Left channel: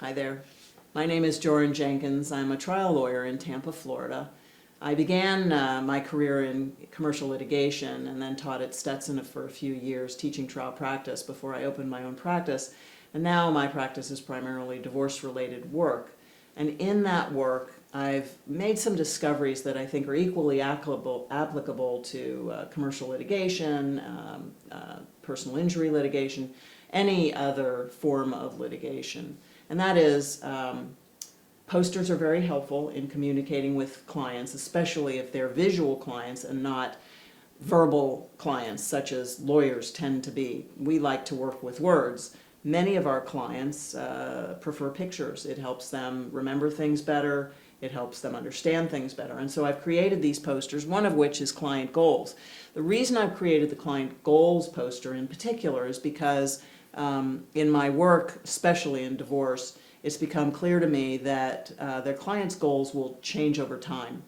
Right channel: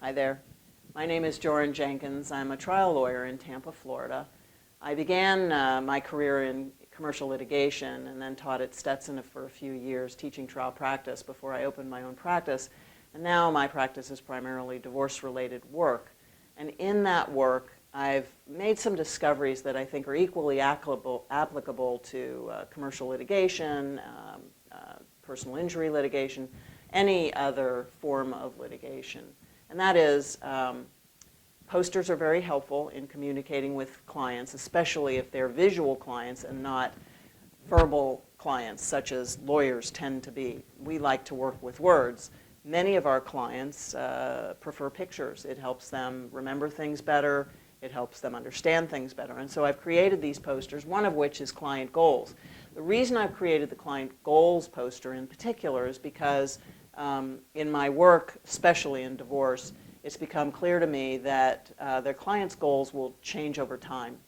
Hi there. My name is Joryn Jenkins. I'm a trial lawyer in Tampa, Florida. I began my career in commercial litigation and then taught at Stetson for a few years teaching trial practice before I opened my own practice. And now my practice is primarily divorce-related work. And in that work, I've made some discoveries that I think are equally applicable to commercial litigation, personal injury litigation, any other form of litigation. And that is, posters are very helpful in communicating with clients, especially if they're visual clients and not verbal clients, such as lawyers tend to be. We like to work with words. Many of our clients prefer pictures. It helps them remember things better. It helps them understand things better. And so I've created these posters, one of which is client goals. The reason I've created the client goals poster in particular is because in my work, especially in divorce, it's become clear to me that their clients' goals will change over time.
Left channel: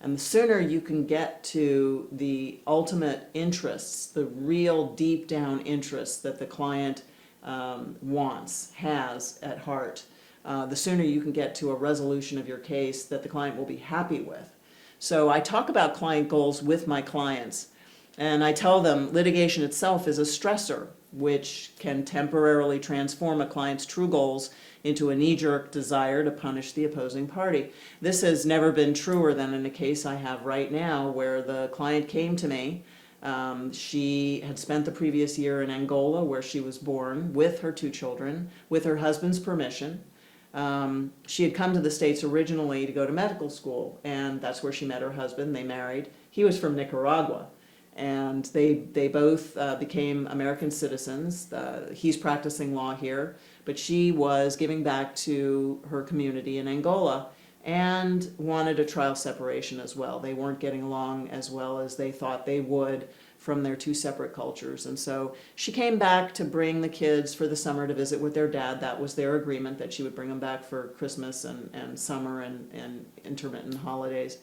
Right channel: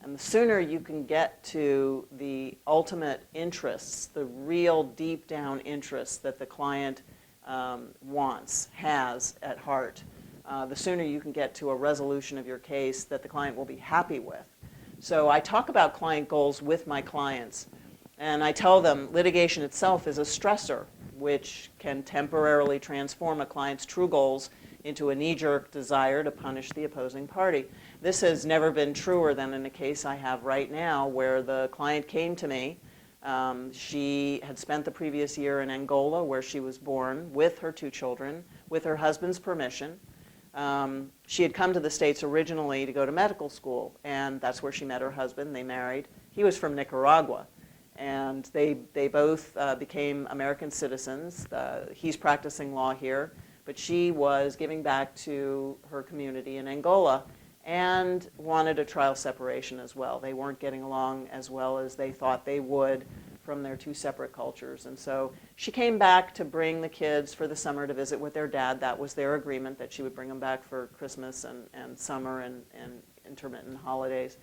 And the sooner you can get to the ultimate interests, the real deep down interests that the client wants, has at heart, the sooner you can get to a resolution of your case that the client will be happy with. So I talk about client goals with my clients, and I tell them litigation itself is a stressor, which can temporarily transform a client's true goals into a knee-jerk desire to punish the opposing party. This has never been truer than in the case I have right now, where the client came to me. She had spent the previous year in Angola, where she was born, with her 2 children, with her husband's permission. She had come to the States originally to go to medical school, and that's where she met her husband. They married. He was from Nicaragua. And they both became American citizens. He's practicing law here, but she was giving back to her community in Angola and wanted a trial separation as well. They weren't getting along as well as they thought they would from their 2 separate cultures. And so she came back to bring the kids for the summer to visit with their dad. That was their agreement, that she would bring them back for Christmas and summer and intermittent holidays.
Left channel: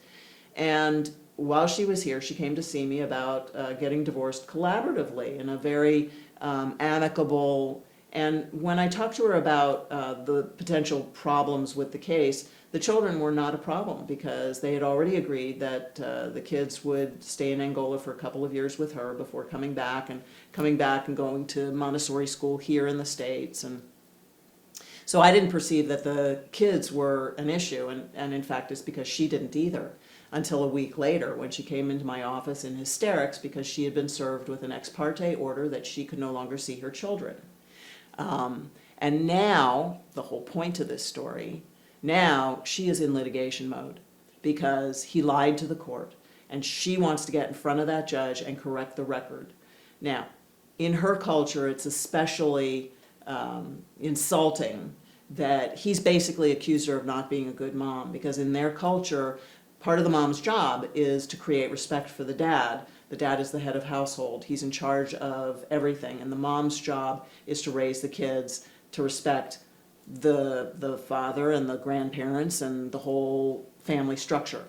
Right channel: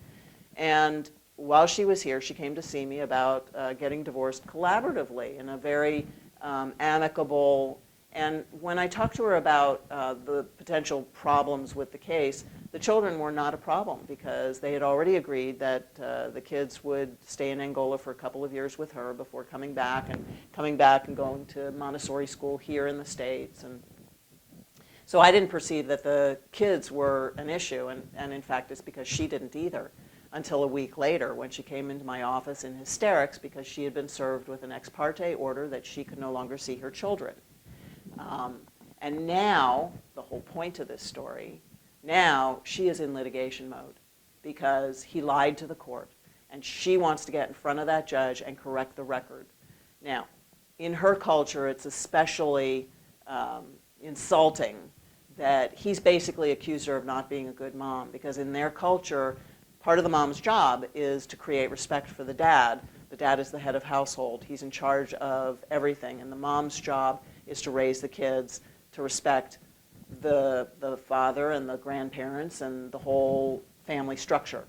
And while she was here, she came to see me about getting divorced collaboratively in a very amicable, and when I talked to her about the potential problems with the case, the children were not a problem because they had already agreed that the kids would stay in Angola for a couple of years with her before coming back and going to Montessori school here in the States. And so I didn't perceive that the kids were an issue, and in fact it's because she didn't either, until a week later when she came into my office in hysterics because she had been served with an ex parte order that she could no longer see her children. And now, the whole point of this story, now she is in litigation mode because he lied to the court, and she wants to get in front of that judge and correct the record. Now, in her culture, it's especially insulting that he's basically accused her of not being a good mom, because in their culture, part of the mom's job is to create respect for the dad. The dad is the head of household. He's in charge of everything. And the mom's job is to raise the kids, to respect the father and the grandparents and the whole family structure.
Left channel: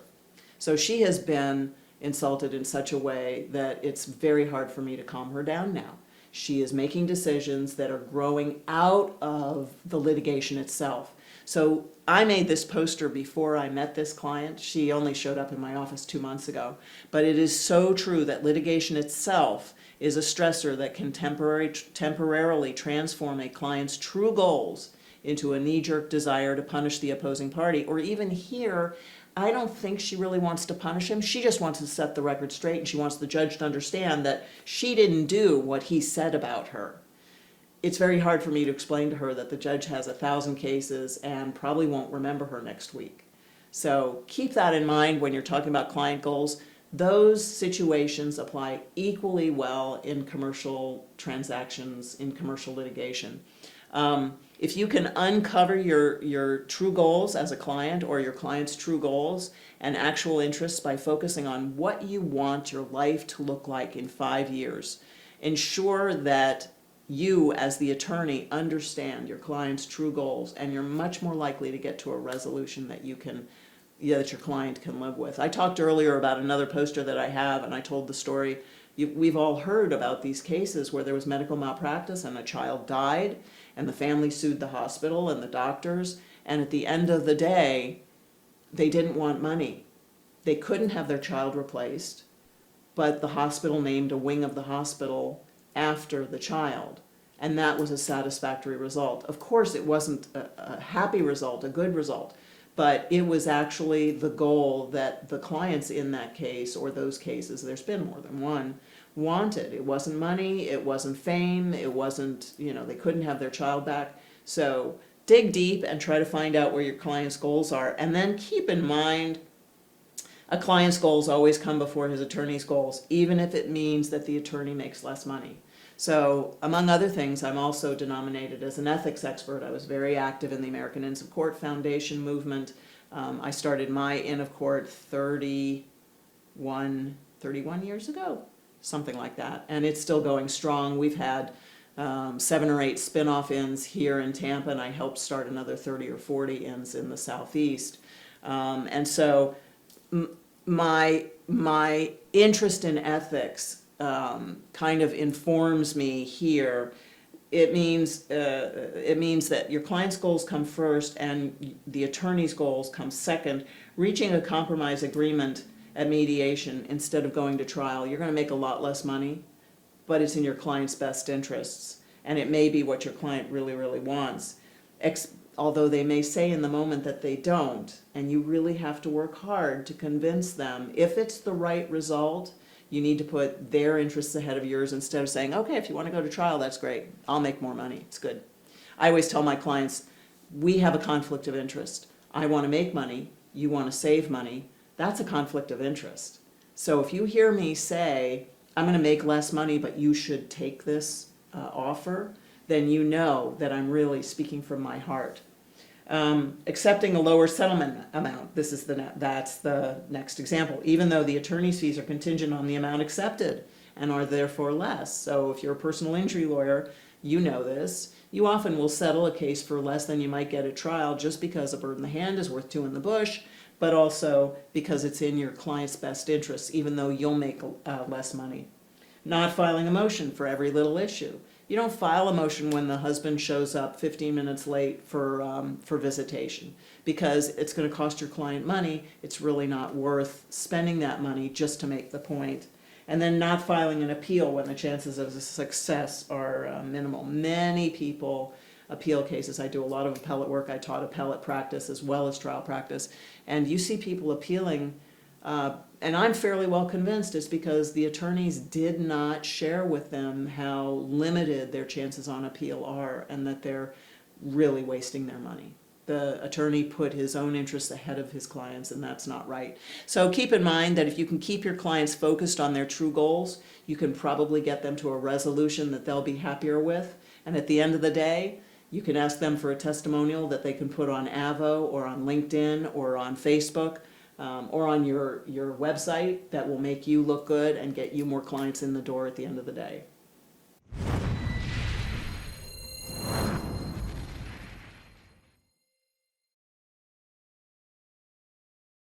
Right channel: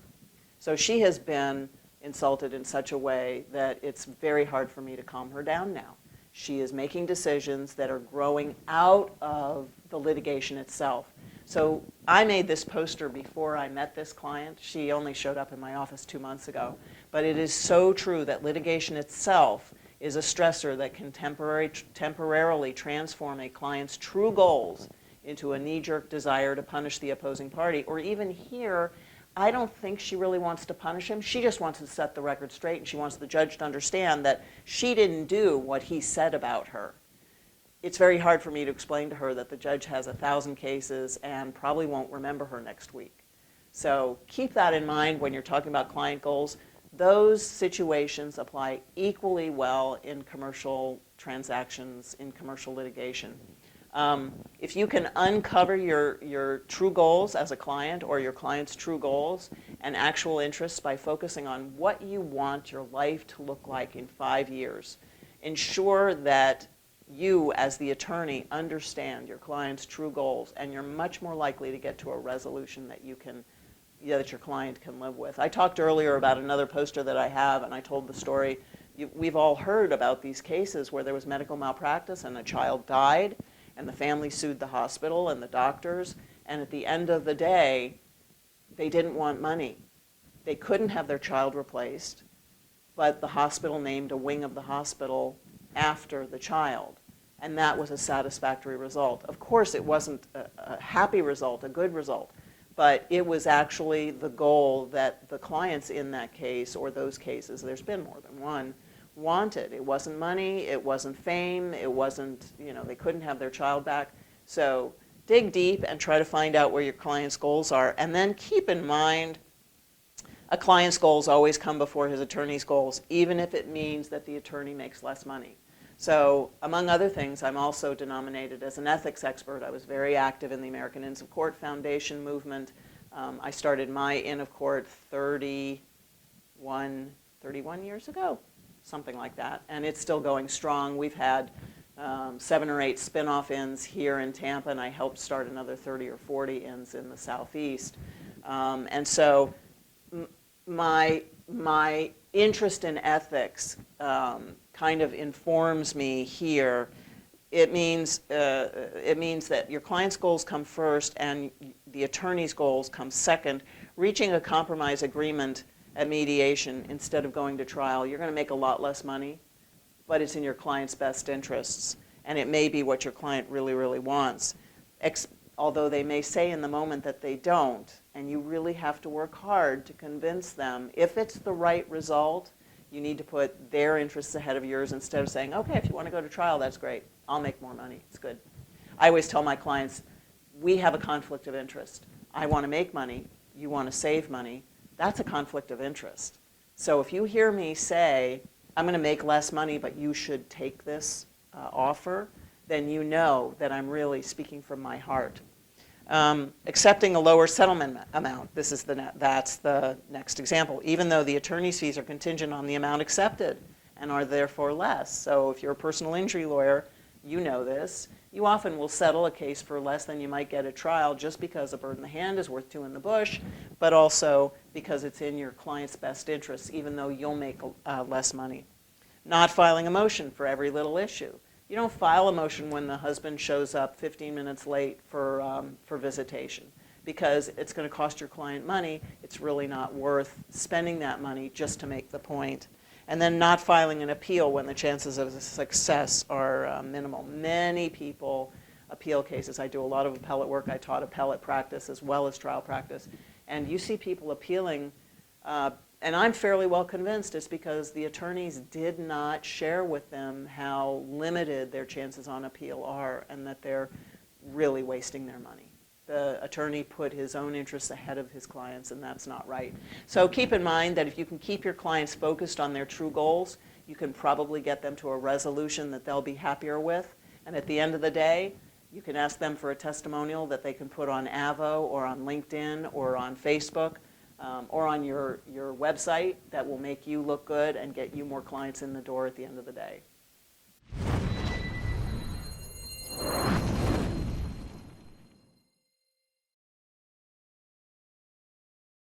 So she has been insulted in such a way that it's very hard for me to calm her down now. She is making decisions that are growing out of the litigation itself. So I made this poster before I met this client. She only showed up in my office 2 months ago. But it is so true that litigation itself is a stressor that can temporarily transform a client's true goals into a knee-jerk desire to punish the opposing party. Or even here, I don't think she really wants to punish him. She just wants to set the record straight, and she wants the judge to understand that she didn't do what he said about her. It's very hard for me to explain to her that the judge has 1,000 cases and probably won't remember her next week. So keep that in mind when you're talking about client goals. Those situations apply equally well in commercial transactions, in commercial litigation. If you can uncover your true goals as a client, or your client's true goals and actual interests by focusing on what you want your life to look like in 5 years, ensure that you, as the attorney, understand your client's true goals, and you're much more likely to get to a resolution that that your client can live with. I talked earlier about another poster that I have, and I told the story. We've all heard about these cases where there was medical malpractice and a child died, and the family sued the hospital and the doctors, and at the end of the day, they didn't want money. They couldn't have their child replaced, but the hospital named a wing of the hospital after the child, and that was a satisfactory result. Of course, it wasn't a happy result, a good result, but it was actually the goal that the clients in that case, or those cases, there's been more than one, wanted. It wasn't money, it wasn't fame, it wasn't, they couldn't have their child back. So dig deep and try to find out where your client's goals are, and then keep in mind a client's goals always come before his attorney's goals, even if it means that the attorney makes less money. So, among other things, I'm also denominated as an ethics expert. I was very active in the American Inns of Court Foundation movement. I started my Inn of Court 31 years ago, something like that, and it's still going strong. We've had 7 or 8 spin-off inns here in Tampa, and I helped start another 30 or 40 inns in the Southeast. And so my interest in ethics kind of informs me here. It means that your client's goals come first and the attorney's goals come second. Reaching a compromise agreement at mediation instead of going to trial, you're going to make a lot less money, but it's in your client's best interests, and it may be what your client really, really wants. Although they may say in the moment that they don't, and you really have to work hard to convince them. If it's the right result, you need to put their interests ahead of yours instead of saying, okay, if you want to go to trial, that's great. I'll make more money. It's good. I always tell my clients, we have a conflict of interest. I want to make money. You want to save money. That's a conflict of interest. So if you hear me say, I'm going to make less money, but you should take this offer, then you know that I'm really speaking from my heart. Accepting a lower settlement amount. That's the next example. Even though the attorney's fees are contingent on the amount accepted and are therefore less. So if you're a personal injury lawyer, you know this. You often will settle a case for less than you might get at trial just because a bird in the hand is worth 2 in the bush, but also because it's in your client's best interests, even though you'll make less money. Not filing a motion for every little issue. You don't file a motion when the husband shows up 15 minutes late for visitation, because it's going to cost your client money. It's really not worth spending that money just to make the point. And then not filing an appeal when the chances of success are minimal. Many people appeal cases. I do a lot of appellate work. I taught appellate practice as well as trial practice. And you see people appealing, and I'm fairly well convinced it's because the attorneys did not share with them how limited their chances on appeal are and that they're really wasting their money. The attorney put his own interests ahead of his clients, and that's not right. So keep in mind that if you can keep your clients focused on their true goals, you can probably get them to a resolution that they'll be happier with. And at the end of the day, you can ask them for a testimonial that they can put on Avo or on LinkedIn or on Facebook or on your website that will make you look good and get you more clients in the door at the end of the day.